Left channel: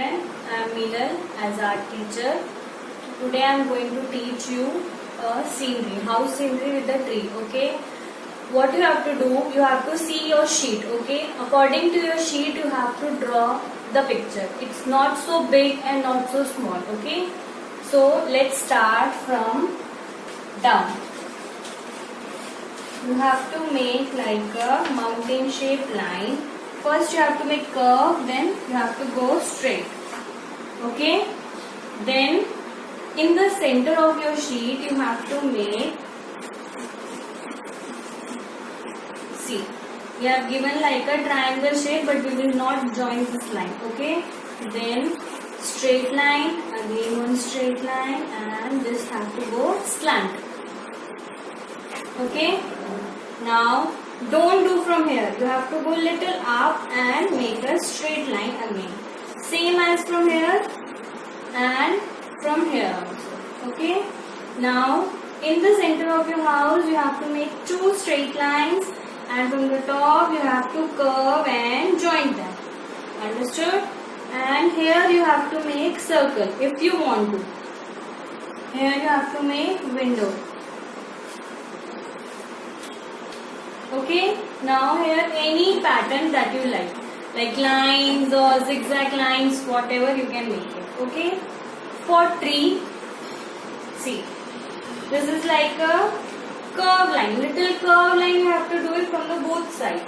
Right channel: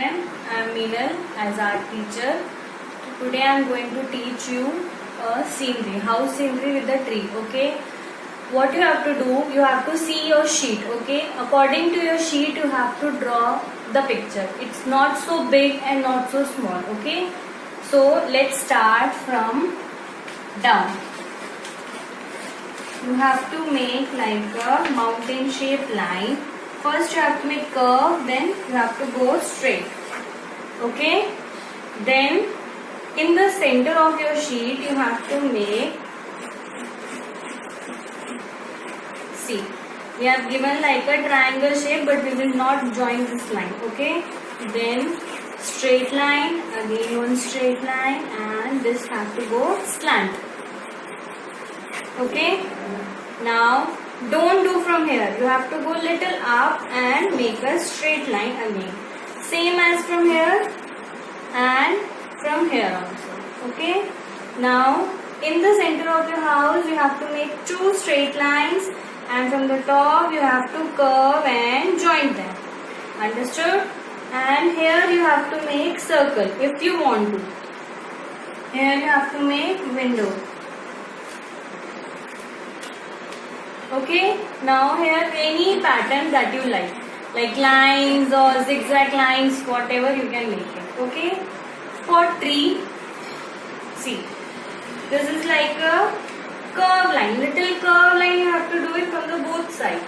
children, I am Meenal as art teacher. Today I am going to teach you a scenery, house scenery with the tree. Okay. What you have to do, you have to see your sheet. Okay. According to your sheet, you have to draw the picture. It's not so big and not so small. Okay. So let's start from down. You have to make like a mountain shaped line. First you have to make curve, then you have to go straight. Okay. Then in the center of your sheet you have to make, see, we have given like a triangle shape, but we will not join this line. Okay. Then straight line, again one straight line, and this have to go slant. Okay. Now don't do from here. You have to go little up and make a straight line again. Same as from here and from here also. Okay. Now in the center of your house you have to make two straight lines, and from the top you have to curve and join them. Understood? And here you have to make circle if you want to. Here you have to make window. Okay. Now here any pattern that you like lines or zigzag lines, whatever you can make it. Okay. For tree, see, this is like a curve line, little curve line. You have to do it from the both sides.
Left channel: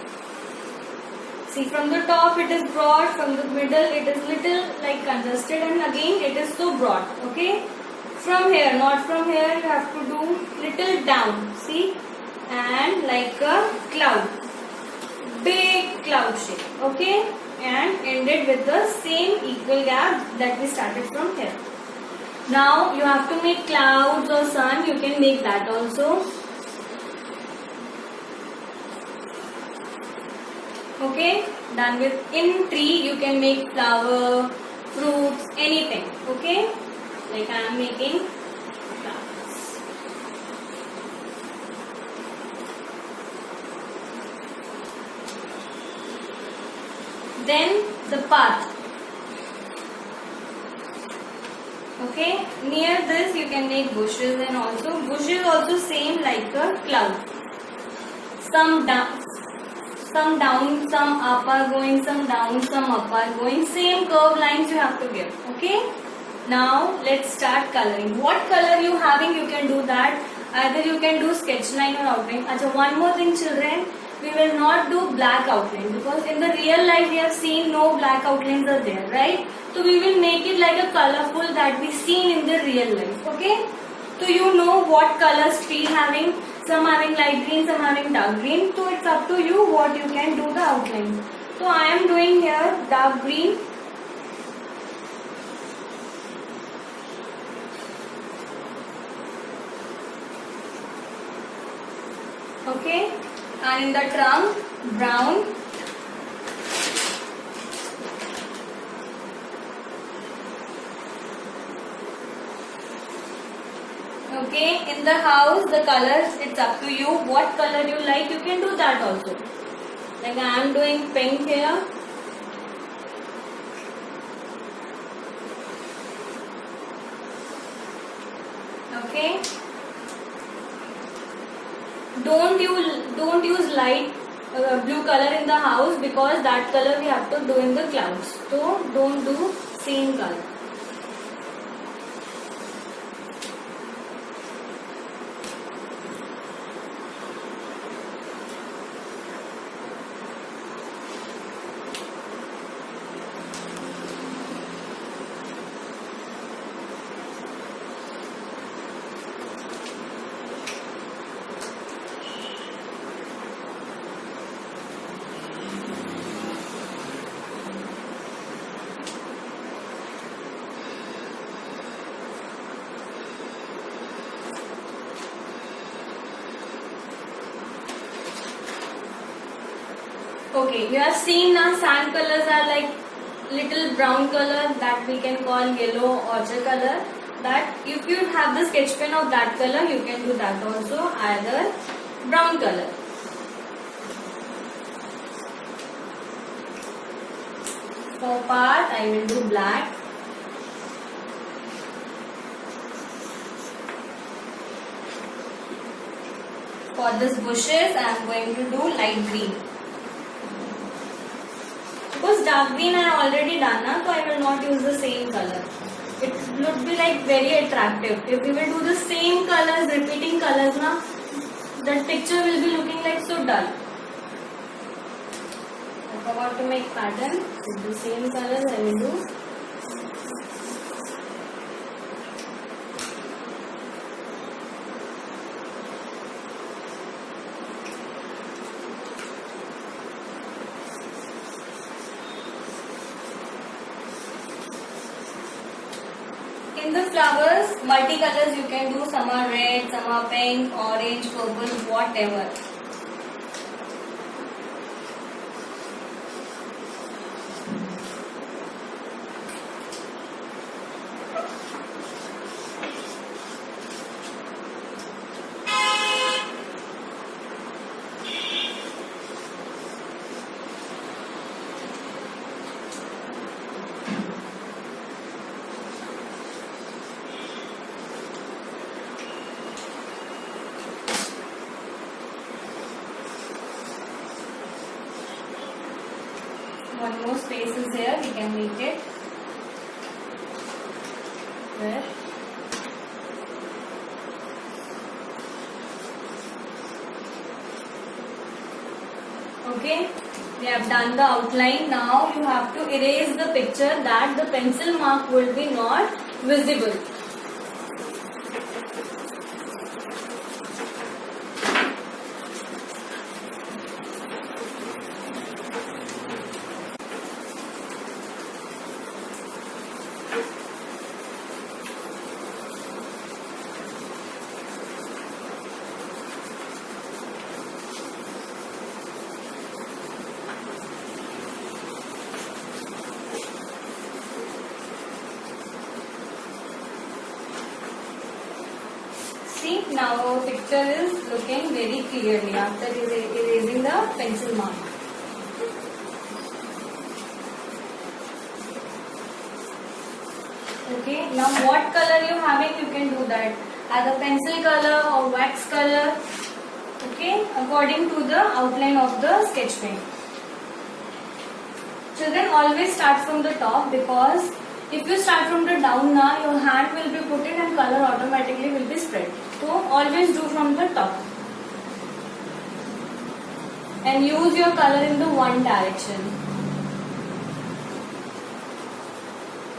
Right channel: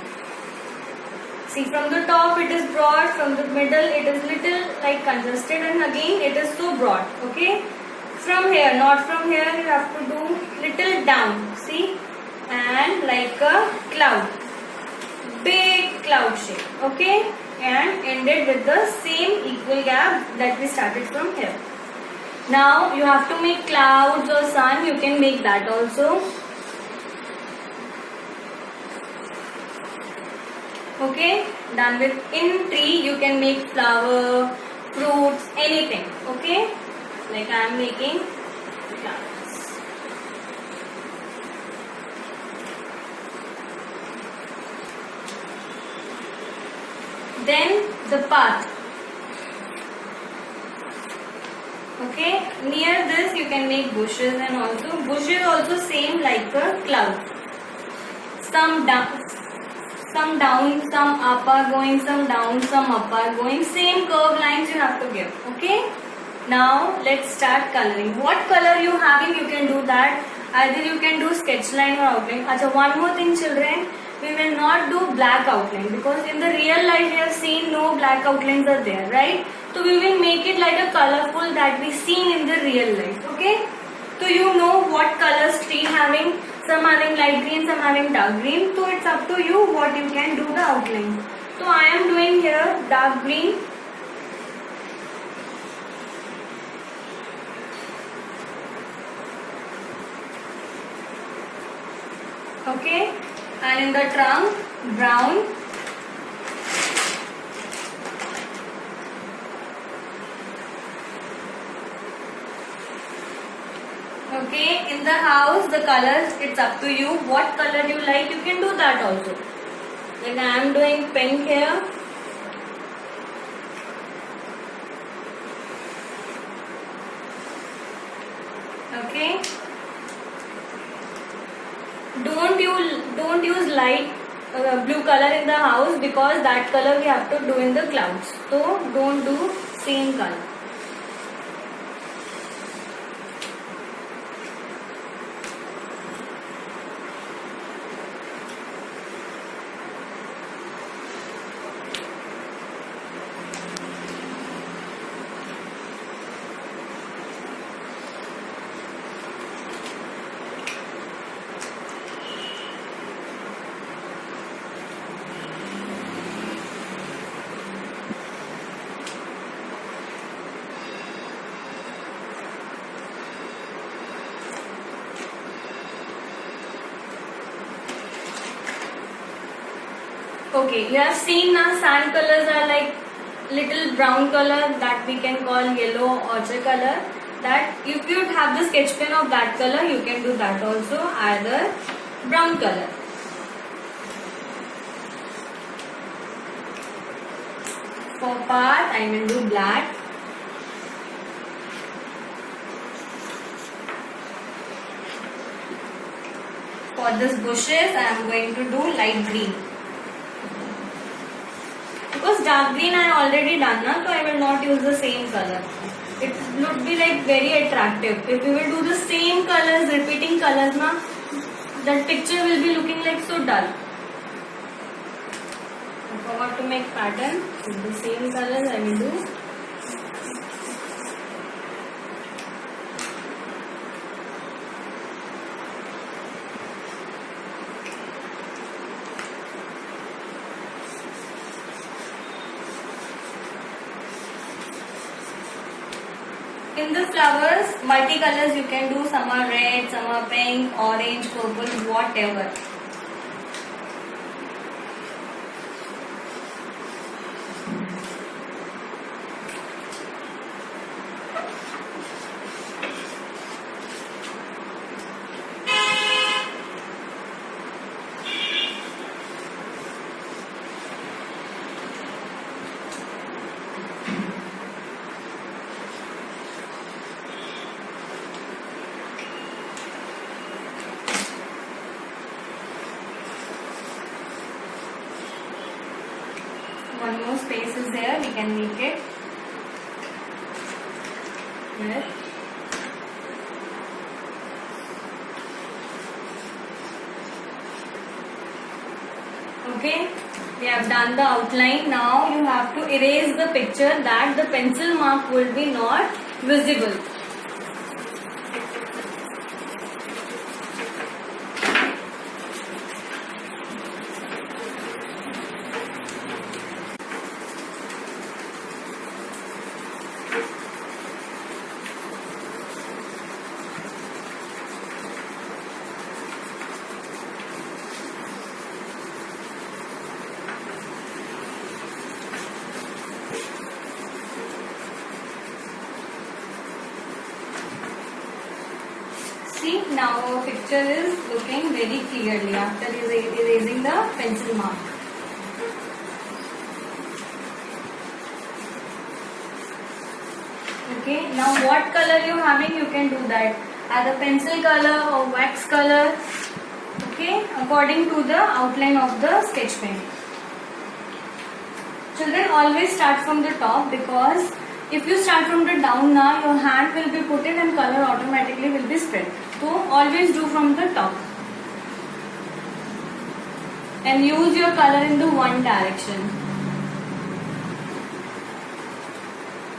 See, from the top it is broad, from the middle it is little like congested, and again it is so broad. Okay. From here, not from here, you have to do little down. See, and like a cloud, big cloud shape. Okay. And ended with the same equal gap that we started from here. Now you have to make clouds or sun. You can make that also. Okay. Done with. In tree you can make flower, fruits, anything. Okay. Like I am making flowers. Then the path. Okay, near this you can make bushes, and also same like a cloud. Some down, some up are going, some down, some up are going. Same curve lines you have to give. Okay. Now let's start coloring. What color you having, you can do that. Either you can do sketch line or outline. Achha, one more thing, children. We will not do black outline, because in the real life we have seen no black outlines are there, right? So we will make it like a colorful that we seen in the real life. Okay. So you know what colors tree having. Some having light green, some having dark green. So it's up to you what you can do the outline. So I am doing here dark green. Okay. And in the trunk, brown. Okay, in the house, the colors, it's up to you. What color you like, you can do that also. Like I am doing pink here. Okay. Don't use light blue color in the house, because that color we have to do in the clouds. So don't do same color. Okay, you have seen now sand colors are like little brown color that we can call yellow ochre color. That if you have the sketch pen of that color, you can do that also, either brown color. For path, I will do black. For this bushes, I am going to do light green. Because dark green I already done, so I will not use the same color. It would be like very attractive. If we will do the same colors, repeating colors, that picture will be looking like so dull. If I want to make pattern with the same colors, I will do. In the flowers, multicolors you can do. Some are red, some are pink, orange, purple, whatever. One more space is there, we can make it here. Okay, we have done the outline. Now you have to erase the picture that the pencil mark will be not visible. See, now our picture is looking very clearly after erasing the pencil mark. Okay, now what color you having, you can do that. Either pencil color or wax color. Okay, according to the outline of the sketch pen. Children, always start from the top, because if you start from the down now, your hand will be put in and color automatically will be spread. So always do from the top. And use your color in the one direction.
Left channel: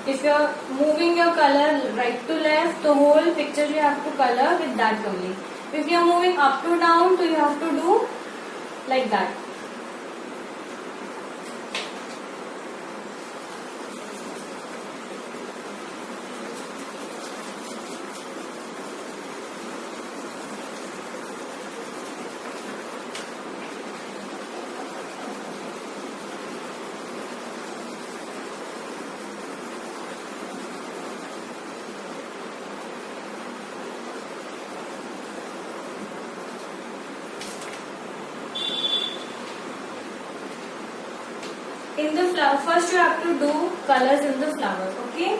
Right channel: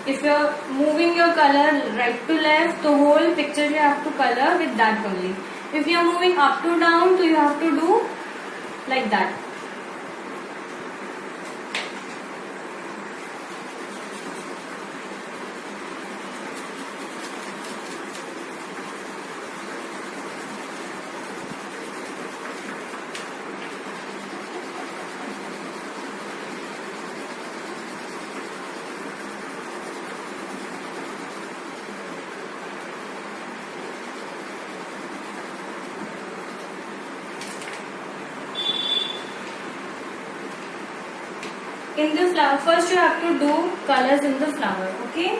If you are moving your color right to left, the whole picture you have to color with that only. If you are moving up to down, so you have to do like that. In the flower, first you have to do colors in the flower, okay?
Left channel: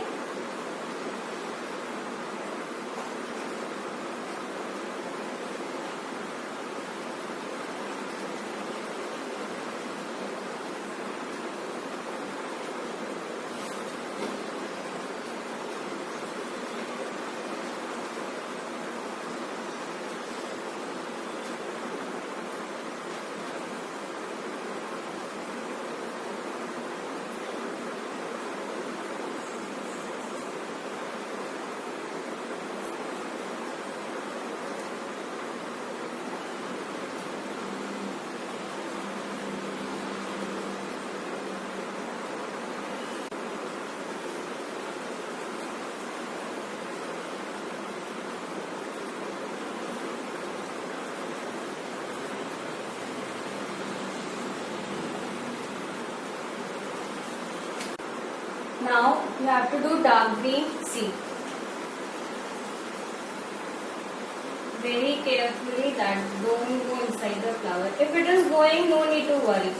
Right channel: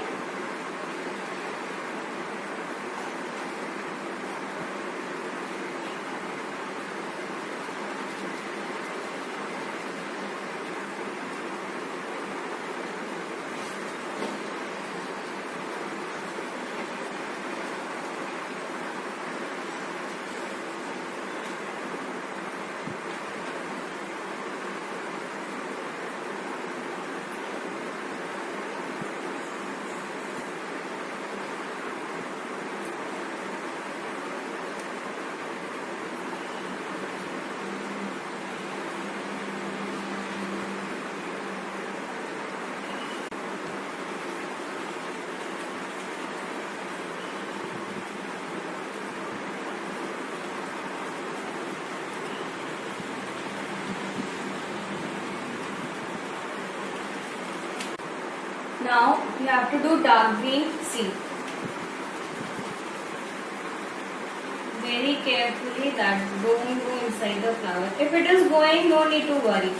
Now you have to do dark green. See, very carefully that don't go inside the flower. If it is going, no need to worry.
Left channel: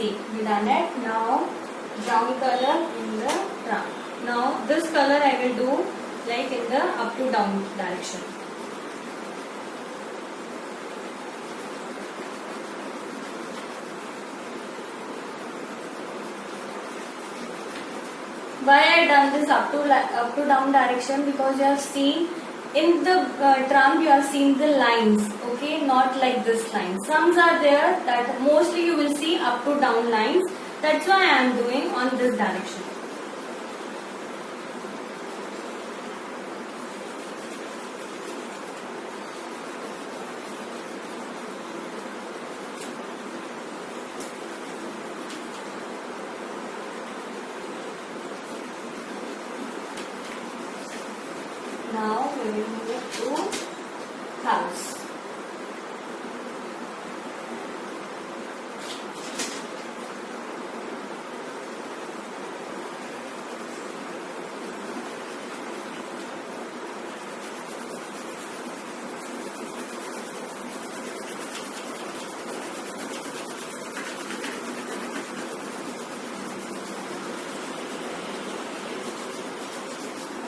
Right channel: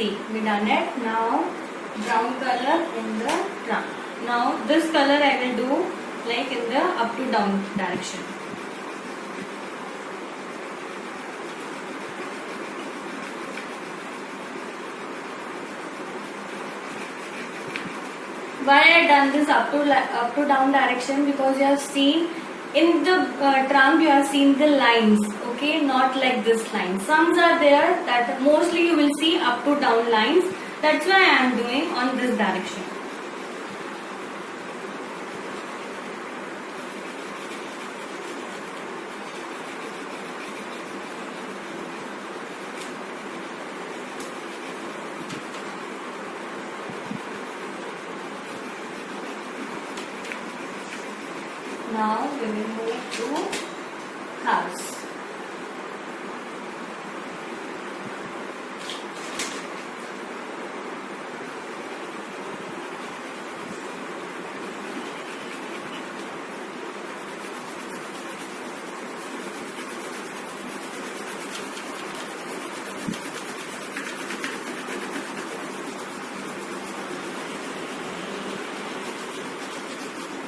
See, we done it. Now brown color in the trunk. Now this color I will do like in the up to down direction. Why I done this up to down direction? Because you have seen in the trunk, you have seen the lines, okay, not like this line. Some are there that mostly you will see up to down lines. That's why I am doing on this direction. Now we will move to house.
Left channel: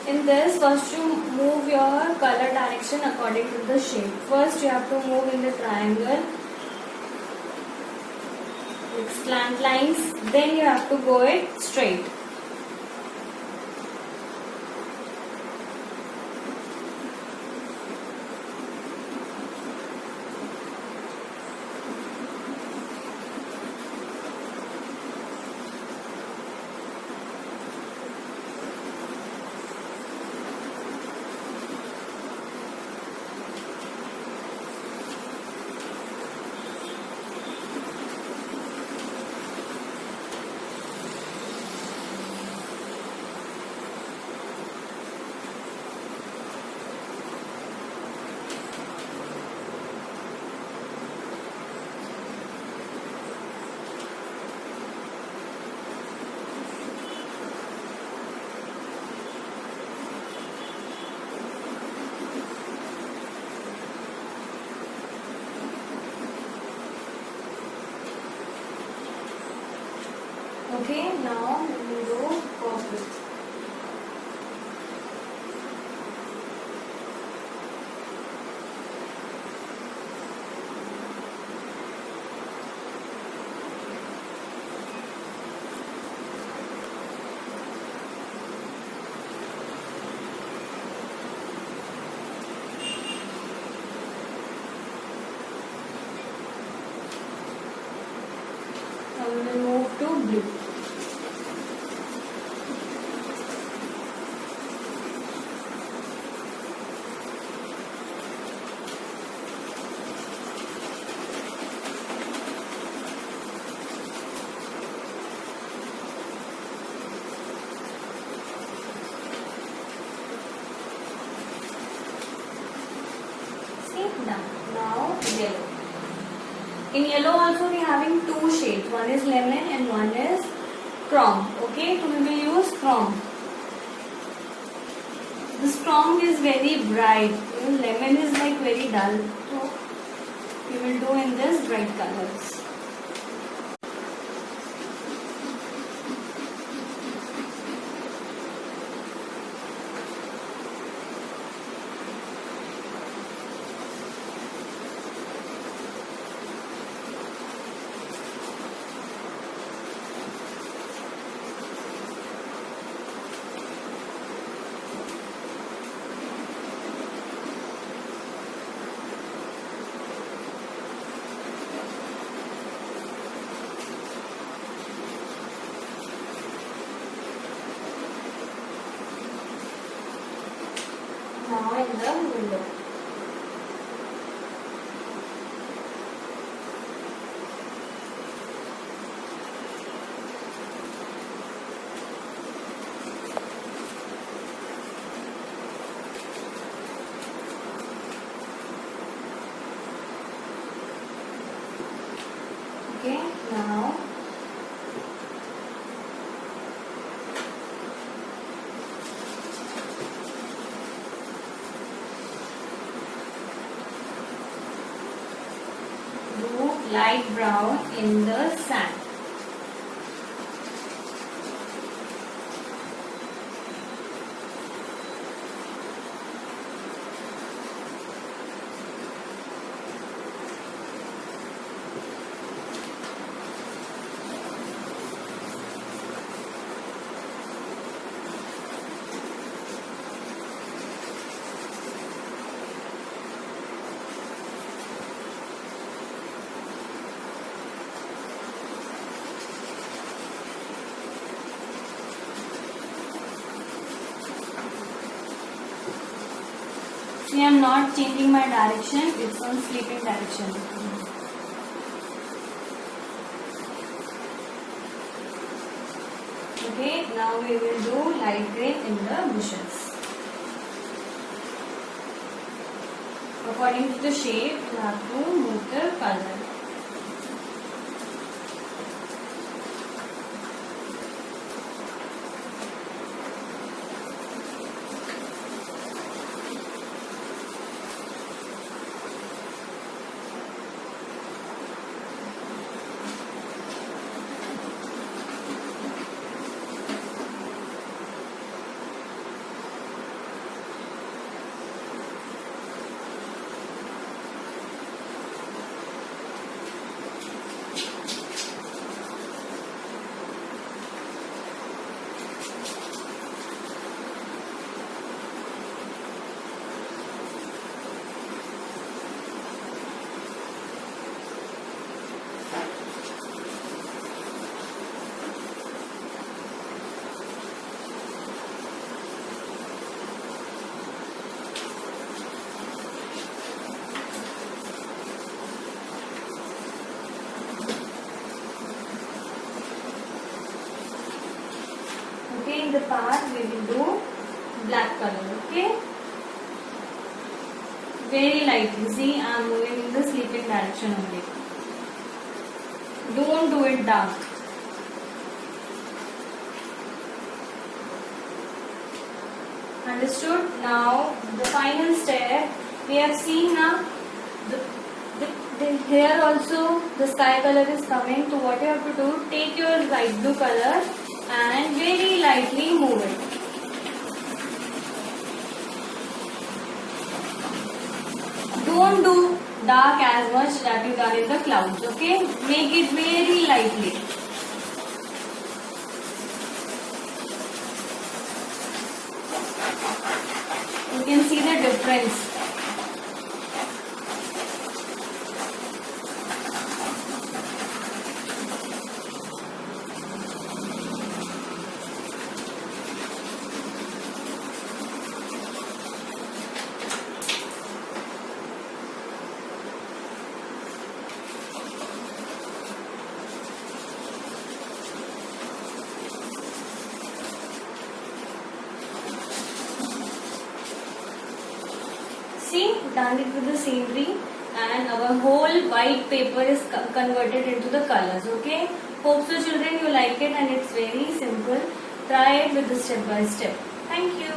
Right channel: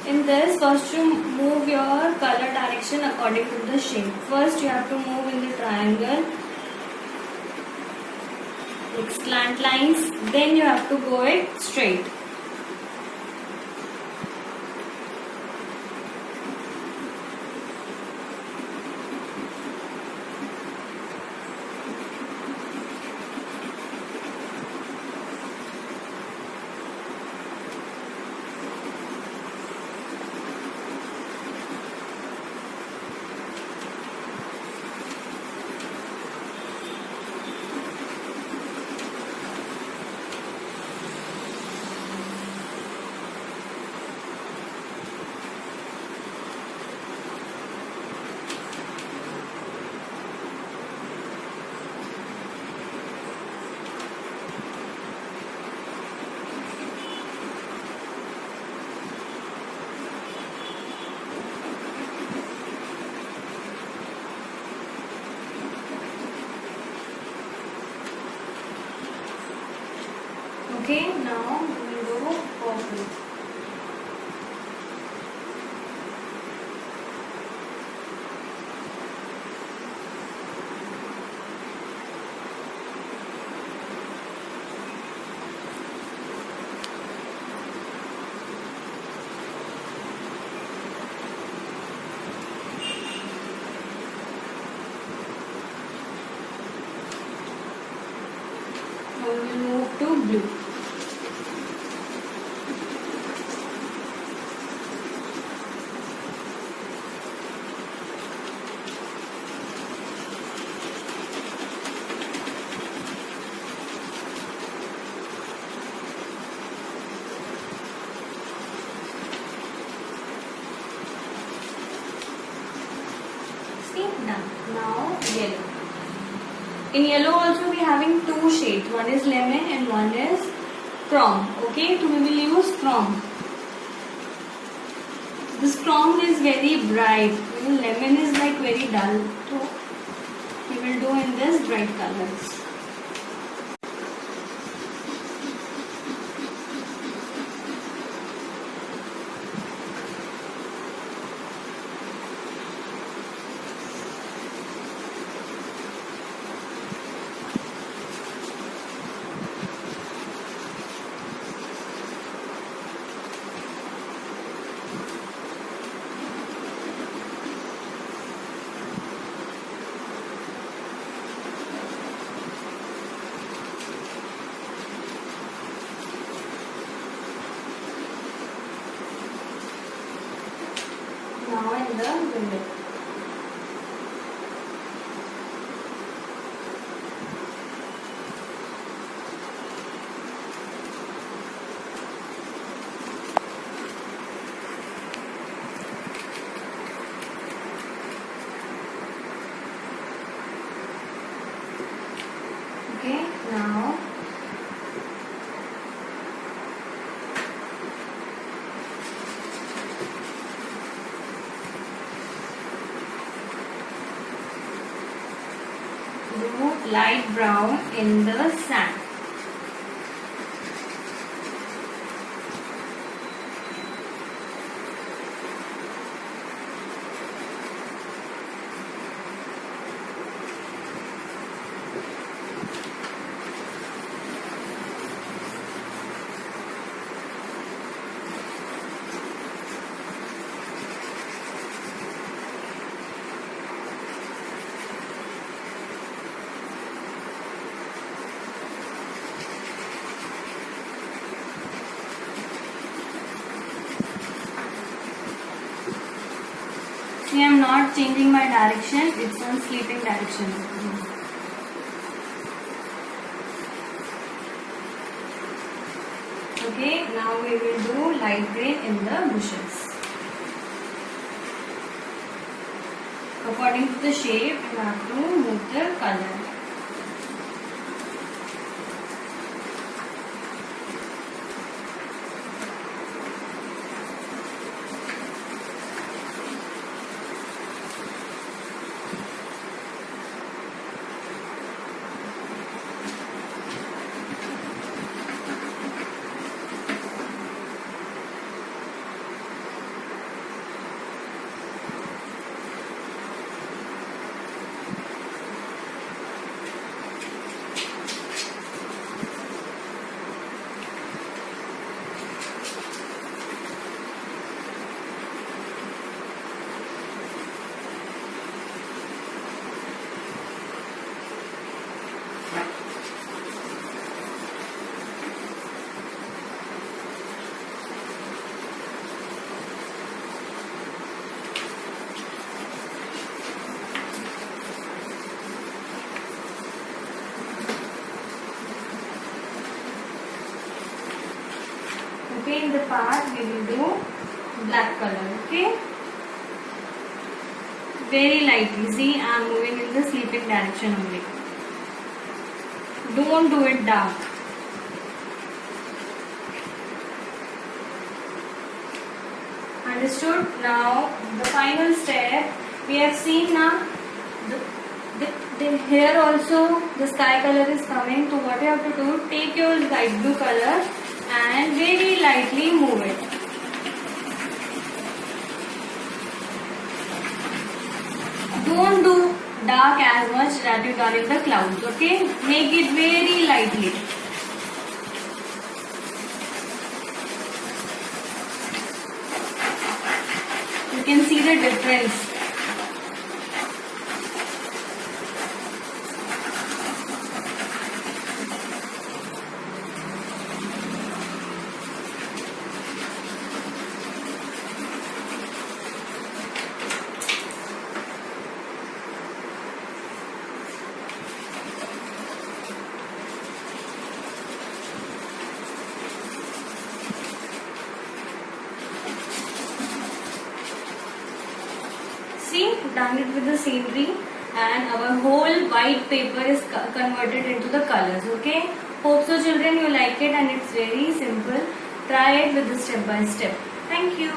In this, first you move your color direction according to the shape. First you have to move in the triangle, like slant lines, then you have to go it straight. Okay, now we will do purple. Now we will move to blue. Done. Now yellow. In yellow also we are having two shades. One is lemon and one is chrome. Okay, so we will use chrome. This chrome is very bright. Lemon is like very dull. So we will do in this bright colors. Now in the window. Okay, now do light brown in the sand. See, I am not changing my direction. It's on sleeping direction. Okay, now we will do light green in the bushes. According to the shape, you have to move the color. Okay, in the path we will do black color. Okay, very lightly. See, I am moving in the sleeping direction only. Don't do it dark. Understood? Now the final step we have seen now. Here also the sky color is coming. So what you have to do? Take your light blue color and very lightly move it. Don't do dark as much that you done in the clouds. Okay, make it very lightly. You can see the difference. See, done it with the scenery and our whole white paper is converted into the colors. Okay, hope so children you like it and it's very simple. Try it with the step by step. Thank you.